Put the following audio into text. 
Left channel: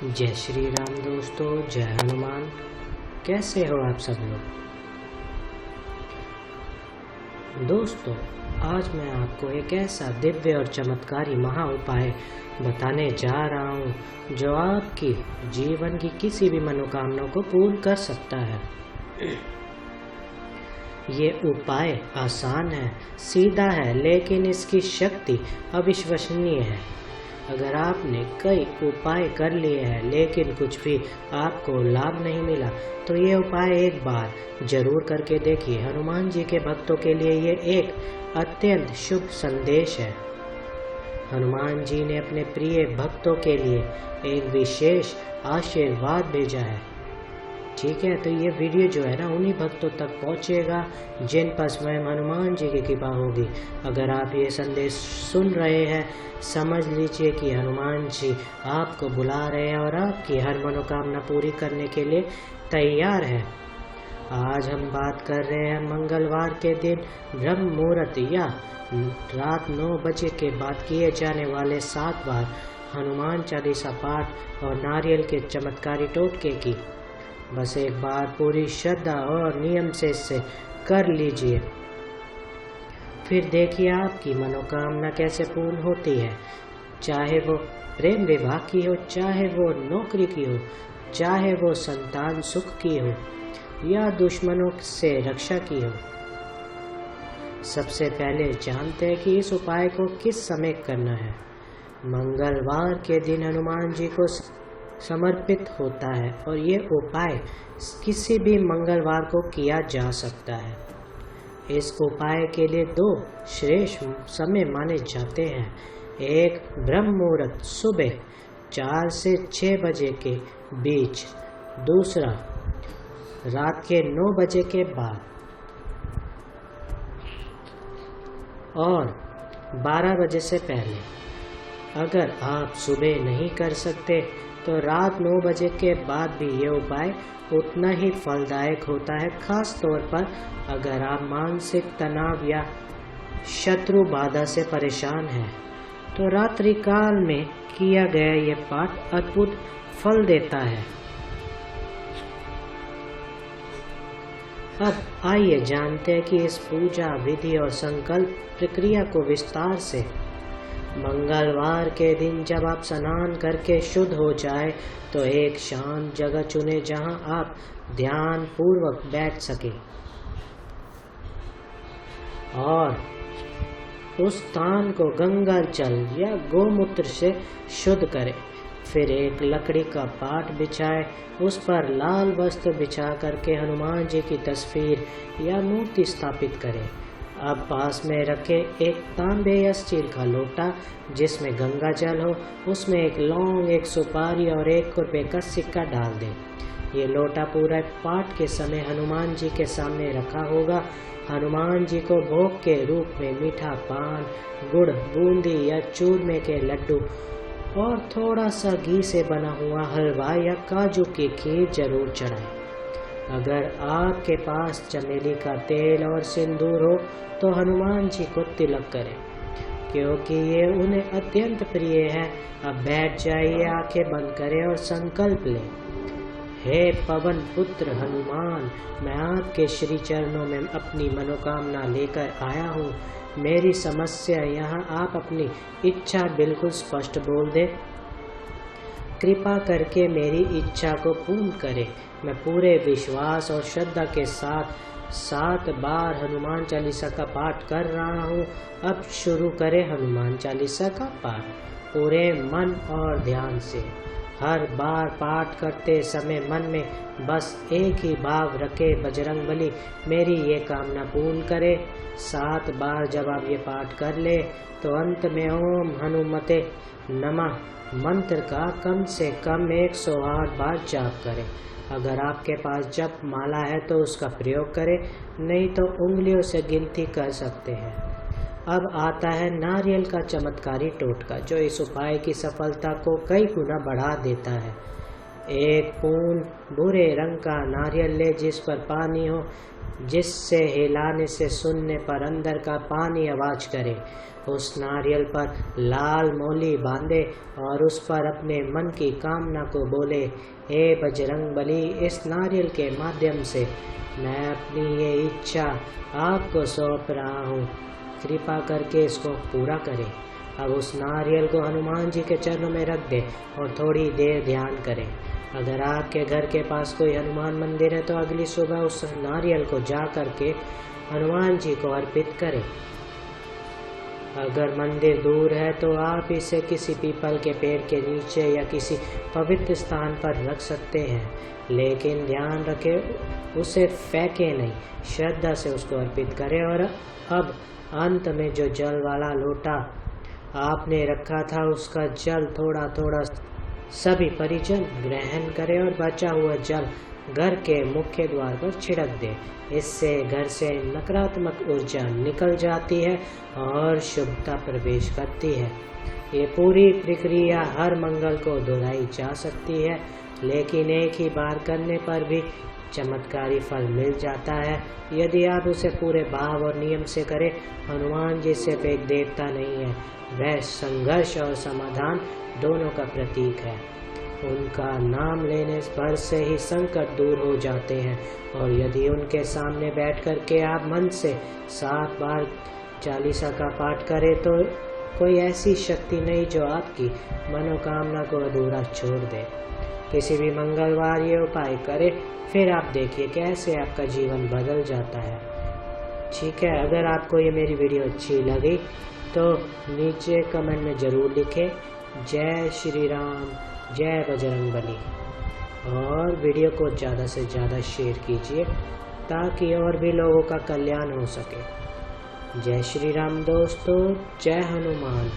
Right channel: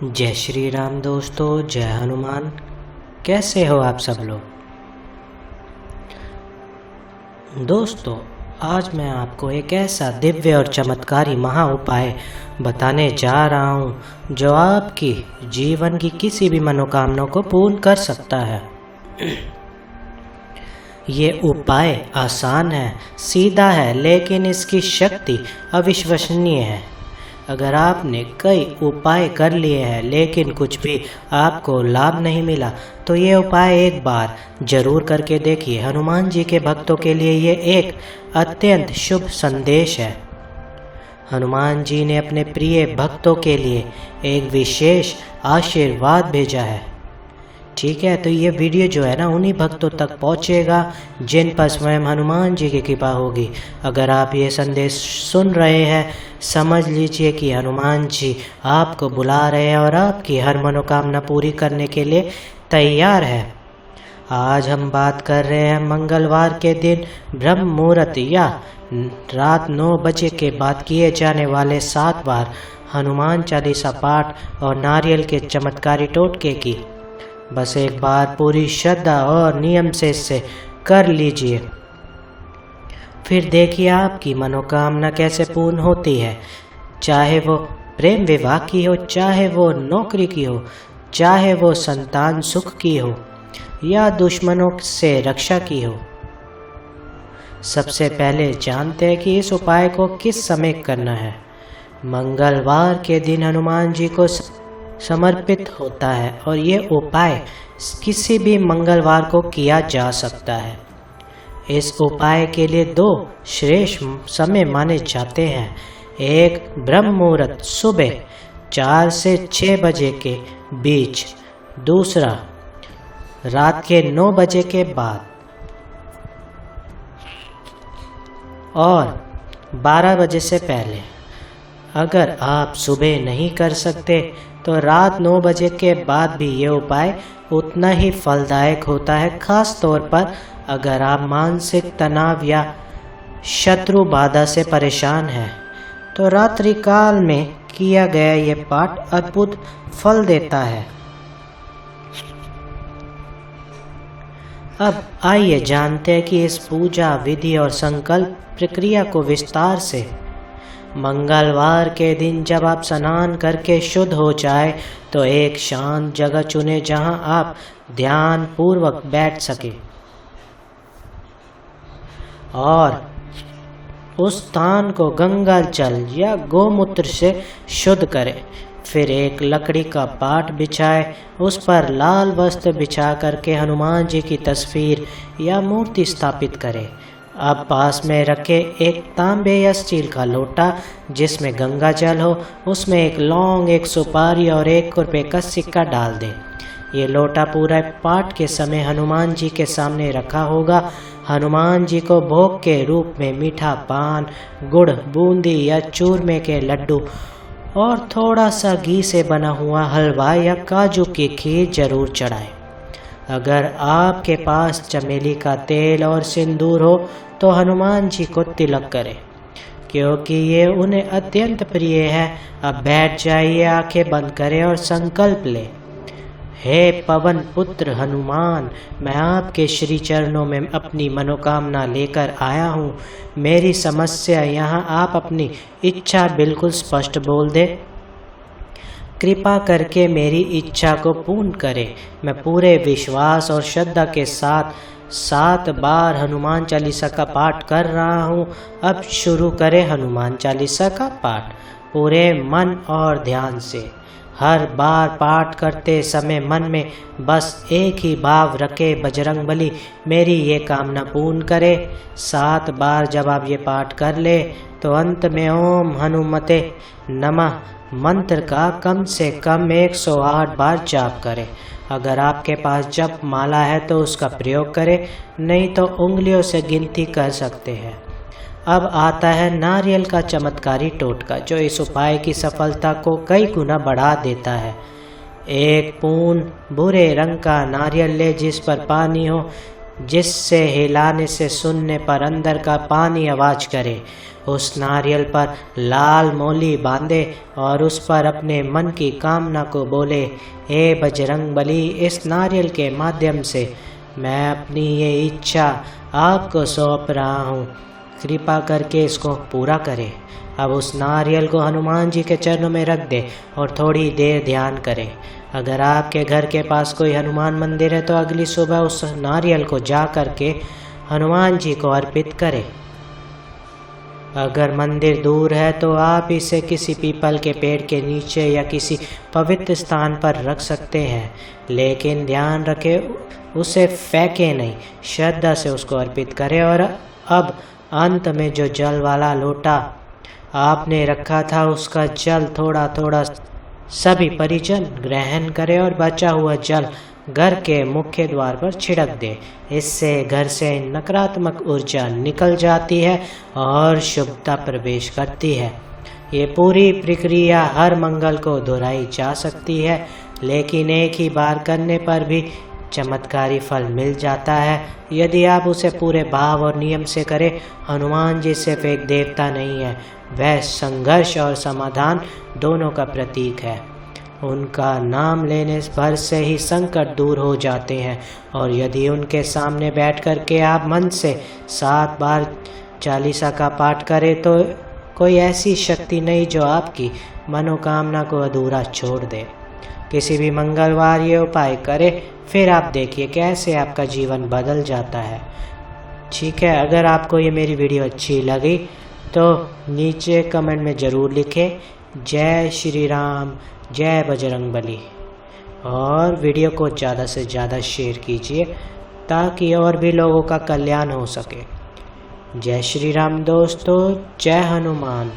जय श्री राम दोस्तों, जय हनुमान। कैसे हो आप सब लोग। दोस्तों, आज मैं आपको एक ऐसा दिव्य और चमत्कारी महा उपाय बताने जा रहा हूँ जो आपकी जीवन की किसी भी मनोकामना को पूर्ण कर सकता है। ये उपाय आसान है, सीधा है, लेकिन इसकी शक्ति अविश्वसनीय है। अगर आपने कई उपाय कर लिए हैं लेकिन कुछ भी आपको लाभ नहीं मिला, तो ये उपाय एक बार जरूर करके देखिए। हनुमान जी के भक्तों के लिए ये एक अत्यंत शुभ संदेश है। हनुमान जी ने अपने प्रिय भक्तों के लिए एक विशेष आशीर्वाद भेजा है। ठीक है, तो ये वीडियो जो है ना उन्हीं भक्तों तक पहुँचेगा जिन पर स्वयं हनुमान जी की कृपा होगी। अगर आप ये संदेश सुन रहे हैं, समझ लीजिए कि हनुमान जी आपको बुला रहे हैं और आपकी हर मनोकामना पूरी करने के लिए तैयार है। आज हम बात कर रहे हैं मंगलवार के दिन ब्रह्म मुहूर्त या रात 9 बजे के बाद किए जाने वाले 7 बार हनुमान चालीसा पाठ और नारियल के चमत्कारी टोटके की। बस एक बार पूरी श्रद्धा और नियम से इसे कर लीजिए, फिर देखिए आपकी मनोकामना कैसे पूर्ण होती है। चाहे वो प्रेम विवाह की हो, चाहे वो नौकरी की हो, चाहे वो संतान सुख की हो या दुश्मनों से रक्षा की हो। सबसे पहले जानते हैं कि इस उपाय को किस समय करना है। मंगलवार के दिन हनुमान जी को समर्पित होता है और ये उपाय किसी भी मंगलवार को किया जा सकता है। इस उपाय के लिए 2 श्रेष्ठ समय माने जाते हैं। एक ब्रह्म मुहूर्त सुबह 4 से 6 बजे के बीच, दूसरा रात के 9 बजे के बाद और 12 बजे से पहले। अगर आप सुबह नहीं कर सकते तो रात 9 बजे के बाद भी ये उपाय उतना ही फलदायक होता है। खास तौर पर अगर आप मानसिक तनाव या शत्रु बाधा से परेशान हैं, तो रात्रि काल में किया गया ये पाठ अद्भुत फल देता है। अब आइए जानते हैं कि इस पूजा विधि और संकल्प प्रक्रिया को विस्तार से। मंगलवार के दिन जब आप स्नान करके शुद्ध हो जाए तो एक शांत जगह चुनें जहां आप ध्यान पूर्वक बैठ सके और उस स्थान को गंगा जल या गोमूत्र से शुद्ध करें। फिर एक लकड़ी का पाट बिछाए, उस पर लाल वस्त्र बिछा करके हनुमान जी की तस्वीर या मूर्ति स्थापित करें। अब पास में रखे एक तांबे या स्टील का लोटा जिसमें गंगा जल हो, उसमें एक लौंग, एक सुपारी और 1 रुपये का सिक्का डाल दें। ये लोटा पूरा पाठ के समय हनुमान जी के सामने रखा होगा। हनुमान जी को भोग के रूप में मीठा पान, गुड़, बूंदी या चूरमे के लड्डू और थोड़ा सा घी से बना हुआ हलवा या काजू की खीर जरूर चढ़ाएं। अगर आपके पास चमेली का तेल और सिंदूर हो तो हनुमान जी को तिलक करें, क्योंकि ये उन्हें अत्यंत प्रिय है। अब बैठ जाइए, आंखें बंद करें और संकल्प लें। हे पवन पुत्र हनुमान, मैं आपके श्री चरणों में अपनी मनोकामना लेकर आया हूँ। मेरी समस्या यहाँ आप अपनी इच्छा बिल्कुल स्पष्ट बोल दे। कृपा करके मेरी इच्छा को पूर्ण करें। मैं पूरे विश्वास और श्रद्धा के साथ 7 बार हनुमान चालीसा का पाठ कर रहा हूँ। अब शुरू करें हनुमान चालीसा का पाठ पूरे मन और ध्यान से। हर बार पाठ करते समय मन में बस एक ही भाव रखे, बजरंगबली मेरी ये कामना पूर्ण करे। 7 बार जब आप ये पाठ कर ले तो अंत में ओम हनुमते नमः मंत्र का कम से कम 108 बार जाप करें। अगर आपके पास जप माला है तो उसका प्रयोग करें, नहीं तो उंगलियों से गिनती कर सकते हैं। अब आता है नारियल का चमत्कारी टोटका, जो इस उपाय की सफलता को कई गुना बढ़ा देता है। एक पूर्ण भूरे रंग का नारियल ले जिस पर पानी हो, जिससे हिलाने से सुनने पर अंदर का पानी आवाज करे। उस नारियल पर लाल मौली बांधे और उस पर अपने मन की कामना को बोले, हे बजरंगबली, इस नारियल के माध्यम से मैं अपनी ये इच्छा आपको सौंप रहा हूँ, कृपा करके इसको पूरा करें। अब उस नारियल को हनुमान जी के चरणों में रख दे और थोड़ी देर ध्यान करें। अगर आपके घर के पास कोई हनुमान मंदिर है तो अगली सुबह उस नारियल को जा कर के हनुमान जी को अर्पित करें। अगर मंदिर दूर है तो आप इसे किसी पीपल के पेड़ के नीचे या किसी पवित्र स्थान पर रख सकते हैं, लेकिन ध्यान रखें उसे फेंके नहीं, श्रद्धा से उसको अर्पित करें। और अब अंत में जो जल वाला लोटा आपने रखा था उसका जल थोड़ा थोड़ा सभी परिजन ग्रहण करें और बचा हुआ जल घर के मुख्य द्वार पर छिड़क दे। इससे घर से नकारात्मक ऊर्जा निकल जाती है और शुभता प्रवेश करती है। ये पूरी प्रक्रिया हर मंगल को दोहराई जा सकती है, लेकिन एक ही बार करने पर भी चमत्कारी फल मिल जाता है यदि आप उसे पूरे भाव और नियम से करें। हनुमान जी सिर्फ एक देवता नहीं है, वह संघर्ष और समाधान दोनों का प्रतीक है। उनका नाम लेने भर से ही संकट दूर हो जाते हैं, और यदि उनके सामने बैठ कर के आप मन से 7 बार चालीसा का पाठ करें तो कोई ऐसी शक्ति नहीं जो आपकी मनोकामना को अधूरा छोड़ दे। किसी भी मंगलवार ये उपाय करें, फिर आप देखिए कैसे आपका जीवन बदल जाता है। ठीक है, अगर आपको ये मेरी वीडियो अच्छी लगी तो नीचे कमेंट में ज़रूर लिखें जय श्री राम, जय बजरंगबली, और वीडियो को ज़्यादा से ज़्यादा शेयर कीजिए ताकि और भी लोगों का कल्याण हो सके। जय श्री राम दोस्तों, जय हनुमान।